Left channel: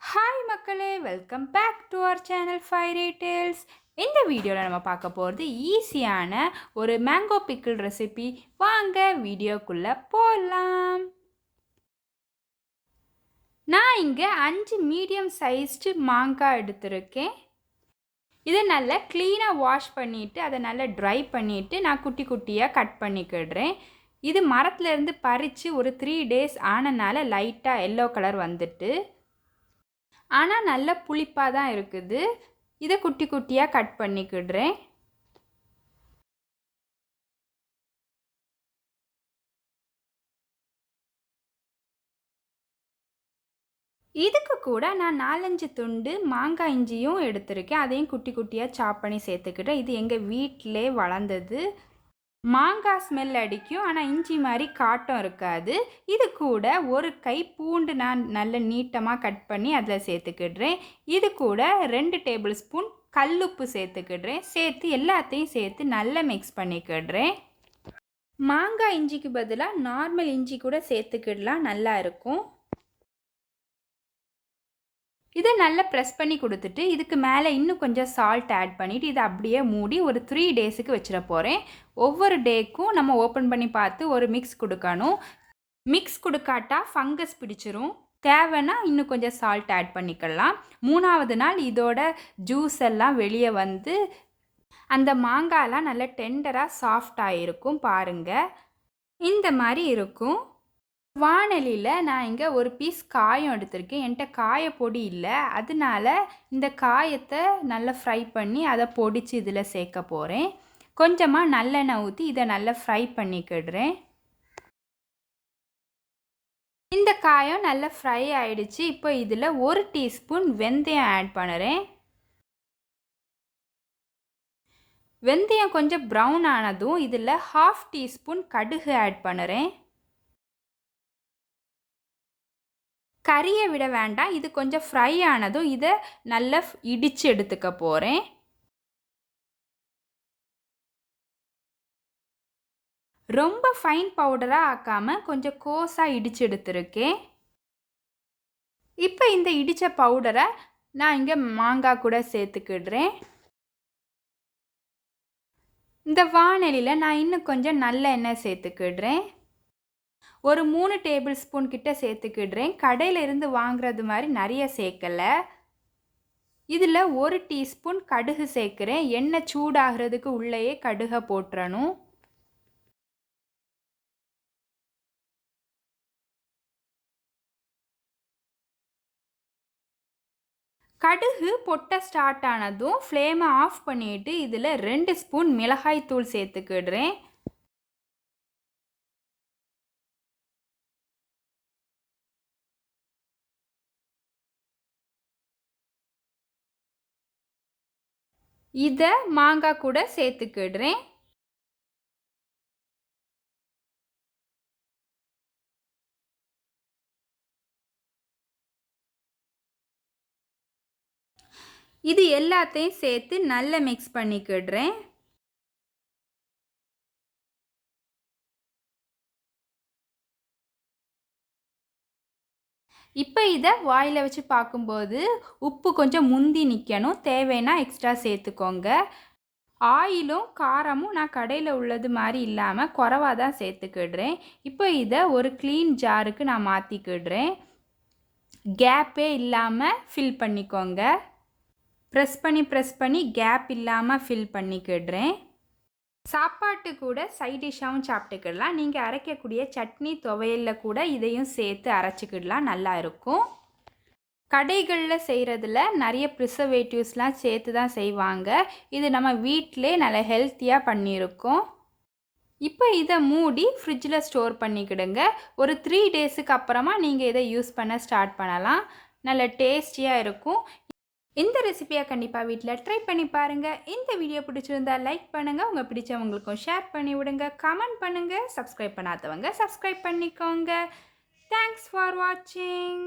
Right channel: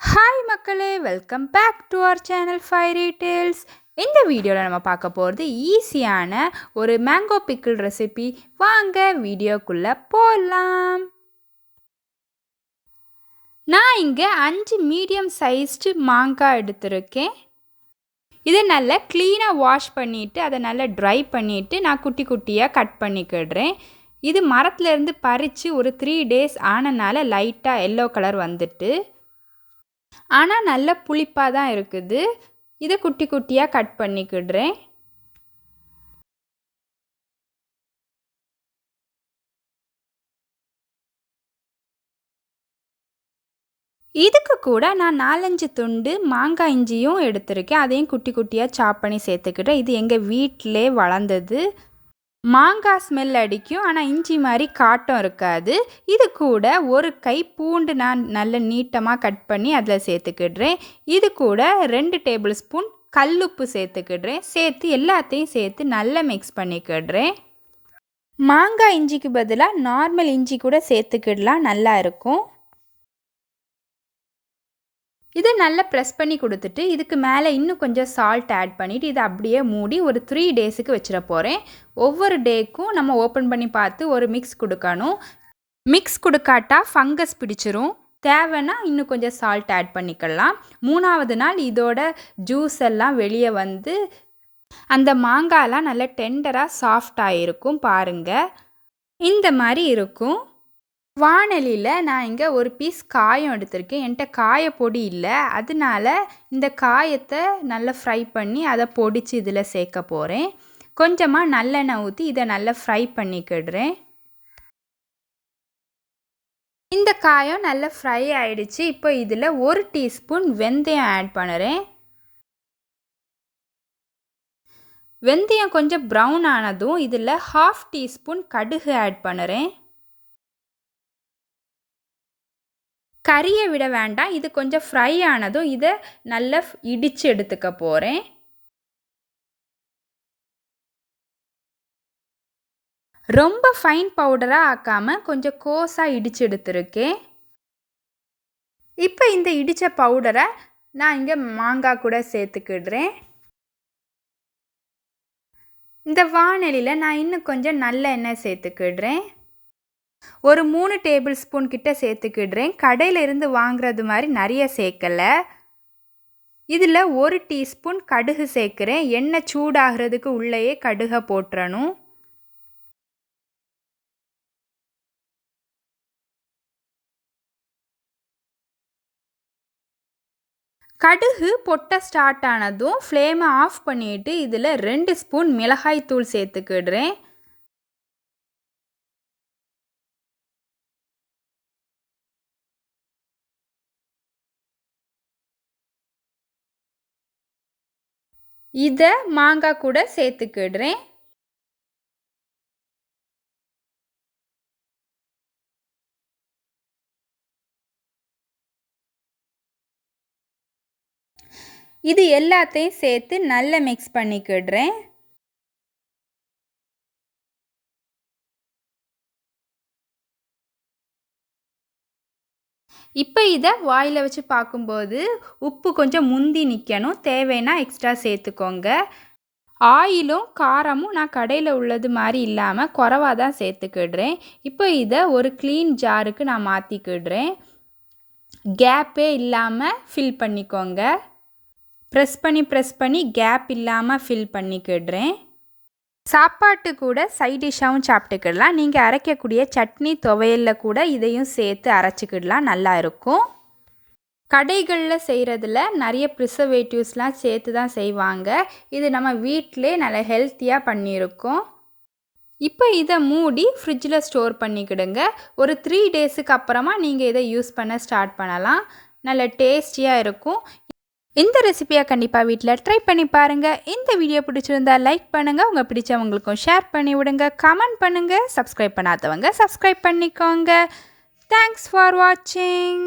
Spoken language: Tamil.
ஹாய் மக்களே, welcome back to our channel fairy tales. இந்த வீடியோவில் நம்ம பார்க்க போகிறது ஈஸியான ஒரு மேங்கோ பிக்கிள் ரெசிபி. வாங்க வீடியோக்குள்ளே போகலாம். நான் இங்கே 5 மீடியம் சைஸ்டு மாங்காய் எடுத்திருக்கேன். இதை நல்லா க்ளீனாக வாஷ் பண்ணிவிட்டு அதை நல்லா ட்ரை பண்ணிவிட்டு நான் குட்டி குட்டியாக கட் பண்ணிக்கிடுறேன். இது மரத்துலேருந்து பறித்து ஒரு 3 days ஆனனால லைட்டாக எல்லோ கலர் வந்துட்டு, ஆனால் நல்ல புளிப்பாக தான் இருக்குது. இதை குட்டி குட்டியாக கட் பண்ணிக்கிடுறேன். இதுக்கு கூட நான் 4-5 துண்டு மாங்காய் இஞ்சியும் எடுத்திருக்கேன். அதையும் குட்டி குட்டியாக சாப் பண்ணி சேர்த்துக்கிட்டேன். இது எங்கள் வீட்டிலே வளர்ந்தது. மாங்காய் ஸ்மெல் அடிக்கும், ஆனால் இஞ்சி மாதிரி காட்டம் இருக்காது. இது கூட ஒரு கை பூண்டு நான் நல்ல நீட்டமாக கட் பண்ணி அதில் சேர்த்துக்கிடுறேன். இது கூட 2 டேபிள் ஸ்பூன் கல்லுப்பு சேர்த்துக்கிடுறேன். சேர்த்து எல்லாத்தையும் சேர்த்து நல்லா மிக்ஸ் பண்ணிக்கிடுறேன். மாங்காய் இஞ்சிக்கு பதிலாக நார்மல் இஞ்சி கூட சேர்த்துக்கிடலாம், நல்லா இருக்கும். இதை நல்லா ப்ரெஸ் பண்ணி கொடுத்துட்டு இதுக்கு மேலே இன்னும் கொஞ்சம் சால்ட் ஆட் பண்ணிவிட்டு இதை அப்படியே மூடி ஒரு 3 daysக்கு வச்சிட போகிறேன். ஒவ்வொரு டேக்கும் நம்ம ஓப்பன் பண்ணி பார்த்து ஒரு மிக்ஸ் கொடுக்கணும். மிக்ஸ் கொடுக்காட்டா ஃபங்கஸ் பிடிச்சிரும். தேவைன்னா இன்னும் கொஞ்சம் சால்ட் ஆட் பண்ணிக்கலாம். 3ஆவது நாள் இதோட ஜூஸ் எல்லாம் வெளியே வந்து அந்த மாங்காயெல்லாம் நல்லா டெண்டராக சாஃப்டாக இருக்கும். பாருங்கள், இந்த மாதிரி இருக்கும். வாணலியில் நான் இங்கே ஒரு பீஸ் காயம் எடுத்திருக்கேன். என்கிட்ட காயப்பொடி இல்லை, அதனால இந்த காயத்தை நல்லா ஃப்ரை பண்ணி அதை பொடிச்சு இதில் சேர்க்க போகிறேன். கொஞ்சமாக நல்லெண்ணெய் ஊற்றி இதை நல்லா ஃப்ரை பண்ணிக்கிடுறேன். இந்த காயம் நல்லா ஃப்ரை ஆகிடுச்சு. இப்போ இதில் 1 டீஸ்பூன் வெந்தயம் ஆட் பண்ணுறேன். வெந்தயம் கொஞ்சம் ப்ரௌன் ஆனதும் இதில் 1/2 டீஸ்பூன் கடுகு ஆட் பண்ணுறேன். கறியை விட வேண்டாம், இது கொஞ்சம் ஃப்ரை ஆனதும் இதை நல்லா இடித்து எடுத்துக்க போகிறேன். ரொம்ப ஃபைன் பவுடராக ஆக்காமல் கொஞ்சம் கோஸாக இடித்து எடுத்துருக்கேன். இப்போ இந்த இடித்த பவுடரை நான் இங்கே மாங்காய் கூட சேர்த்துக்கிடுறேன். இந்த வாணலியில் நான் இன்னும் கொஞ்சம் நல்ல எண்ணெய் சேர்த்துக்கிடுறேன். ஒரு 3 டேபிள் ஸ்பூன் கிட்ட சேர்த்துக்கிடுறேன். கடையில் இருந்து வாங்குறது மாதிரி நிறைய சேர்க்கலை. இதில் 1 டீஸ்பூன் கடுகு சேர்க்குறேன். எண்ணெய் சூடாகிறதுக்கு உள்ளேயே கடுகை போட்டுறணும். கடுகு பொட்ட ஸ்டார்ட் ஆனதும் ஃப்ளேமை ஆஃப் பண்ணிவிட்டு இதில் 2 ஸ்பூன் மிளகாய் தூள் சேர்த்துக்கிடுறேன். இதை மாங்காய் கூட சேர்த்துக்கிடுறேன். இது எல்லாத்தையும் சேர்த்து நல்லா மிக்ஸ் பண்ணிக்கிடுறேன். இப்போ இதை வாயில் வச்சு பார்க்கும்போது உப்பு கொஞ்சம் முந்தி நிற்கணும். தேவைன்னா எக்ஸ்ட்ரா சேர்த்துக்கோங்க. ஆயிலும் காரமும் நான் கடையில் உள்ளது மாதிரி இல்லாமல் குறைவாக தான் சேர்த்துக்கிடுறேன். இப்போ இதை ஒரு க்ளீன் ஜாருக்கு நான் மாற்றிக்கிடுறேன். கேப்பே இல்லாமல் ஃபில் பண்ணிக்கோங்க. ப்ரெஸ் பண்ணி கேப் இல்லாமல் ஃபில் பண்ணிக்கிடுறேன். சாப்பாட்டு கூட சைட் டிஷ்ஷாகவும் சாப்பிட்டுக்கிடலாம். நீங்கள் அரைக்கக்கூடிய சட்னி துவையலில் கூட இதையும் சேர்த்து அரைச்சிக்கிடலாம், நல்லா இருக்கும். கடைகளில் செய்கிறதுல நிறைய ப்ரிசர்வேட்டிவ்ஸ்லாம் சேர்த்து தான் செய்வாங்க. இது நம்ம வீட்டிலே நல்லா ஹெல்த்தியாக பண்ணியிருக்கோம். இப்போ இதை மூடி ஃப்ரிட்ஜில் ஸ்டோர் பண்ணிக்கிடுங்க. ஒரு 3 daysக்கு அப்புறமா நீங்கள் இதை யூஸ் பண்ண ஸ்டார்ட் பண்ணலாம். நல்ல டேஸ்டியாக இருக்கும். இந்த ரெசிபியை கண்டிப்பாக வீட்டில் ட்ரை பண்ணி பாருங்கள். இந்த வீடியோ பிடிச்சிருந்தா லைக் பண்ணுங்கள், உங்கள் பிடிச்சவங்களுக்கும் ஷேர் பண்ணி விடுங்க, கமெண்ட் பண்ணுங்கள். சப்ஸ்கிரைப் பண்ணாதவங்க சப்ஸ்கிரைப் பண்ணிக்கோங்க. தேங்க்ஸ் ஃபார் வாட்சிங்.